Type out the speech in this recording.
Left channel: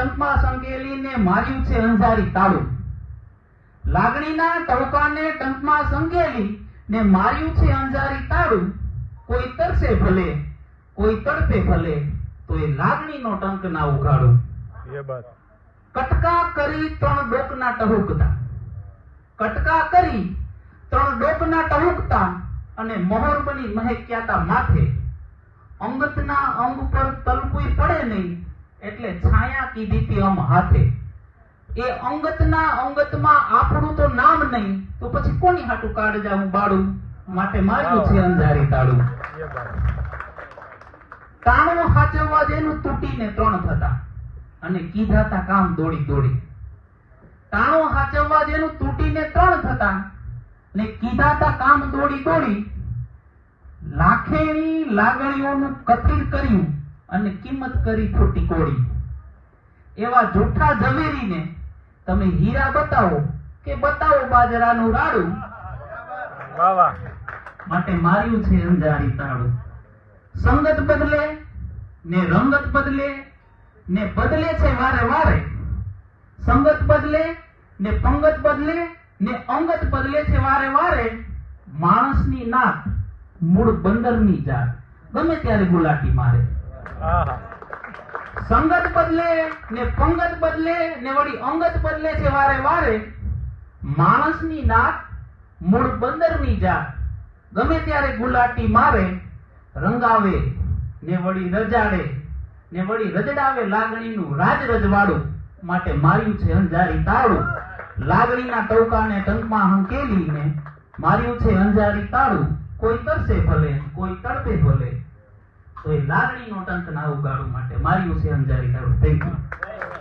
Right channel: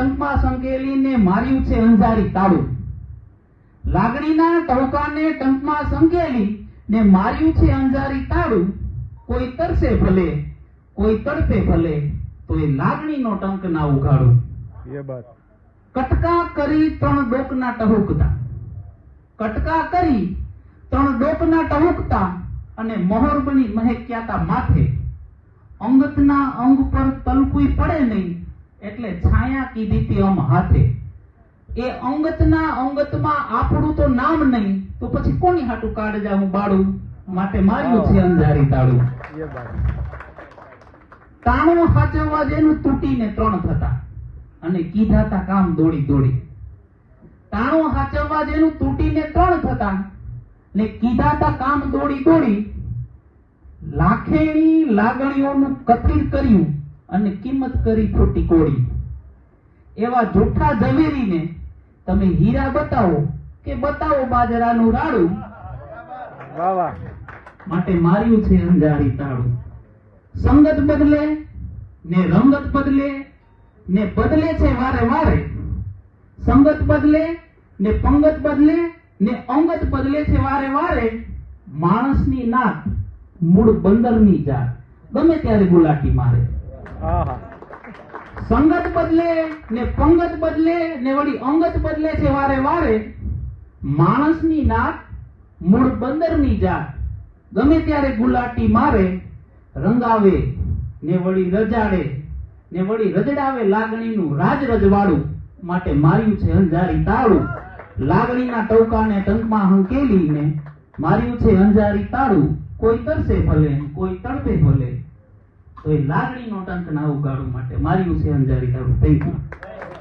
ટંકમાં સંકેલીને માર્યું છે અંધારી તાળું. લાગણીના ટવકાને ટંકમાં સંકેલી ને માર્યું છે અંધારી તાળું. કોઈ તરસે ભલે કોઈ તડપે ભલે તો એ લાગણીનો ટંક ના ઉગાડું. કટકા કરી ત્રણ ડોકના ટહુકતા, કટકા કરી ત્રણ ડોકના ટહુકતા અને મોહર બની મહેક્યાતા માથે. અંગતના અંગ પર તલપુઈ પડે નહીં એટલે છાયા કીધી તી અમ હાથે. એ અંગતના અંગતમાં આપણું તો નામ નહીં તો પછી કોની હાટું કાઢજા હું બાળું. માટે માર્યું છે અંધારી તાળું. તાણું હાચવવા જેનું તૂટીને ત્રણ થતા અને કીધાતા કામ દોડી દોડી. તાણું હાચવવા જેનું તૂટીને ત્રણ થતા ને કીધાતા કામ દોડી દોડી. લાખેણી લાગણીઓનું કથિર કર્યું અને કિંમત કરી ખોટી કોડી. એવા જૂઠા ઝવેરીને તમે હીરા બતાવો કે બતાવો બાજરાનું રાડું. માટે માર્યું છે અંધારી તાળું. સંગત બદલે ને રંગત બદલે ને બદલે છે વારે વારે. સંગત બદલે ને પંગત બદલે ને અંગત બદલે છે વારે વારે. માણસની નાક મૂળ બંદરની જાત ગમે ત્યારે ગુલાટી મારે. સંગત બદલે ને પંગત બદલે ને વળી અંગત બદલે છે વારે વારે. માણસની નાક મૂળ બંદરની જાત ગમે ત્યારે ગુલાટી મારે. રંગાવે ને વળી રજાડે ને વળી રજડાવે લાગણીનું રાજ રજવાડું. માટે માર્યું છે અંધારી તાળું. લાગણીના ટવકાને ટંકમાં હંકેલીને માર્યું છે અંધારી તાળું. કોઈ તરસે ભલે કોઈ તડપે ભલે કોઈ લાગણીનો ટંક ના ઉગાડું. માટે માર્યું છે અંધારી તાળું. Thank you.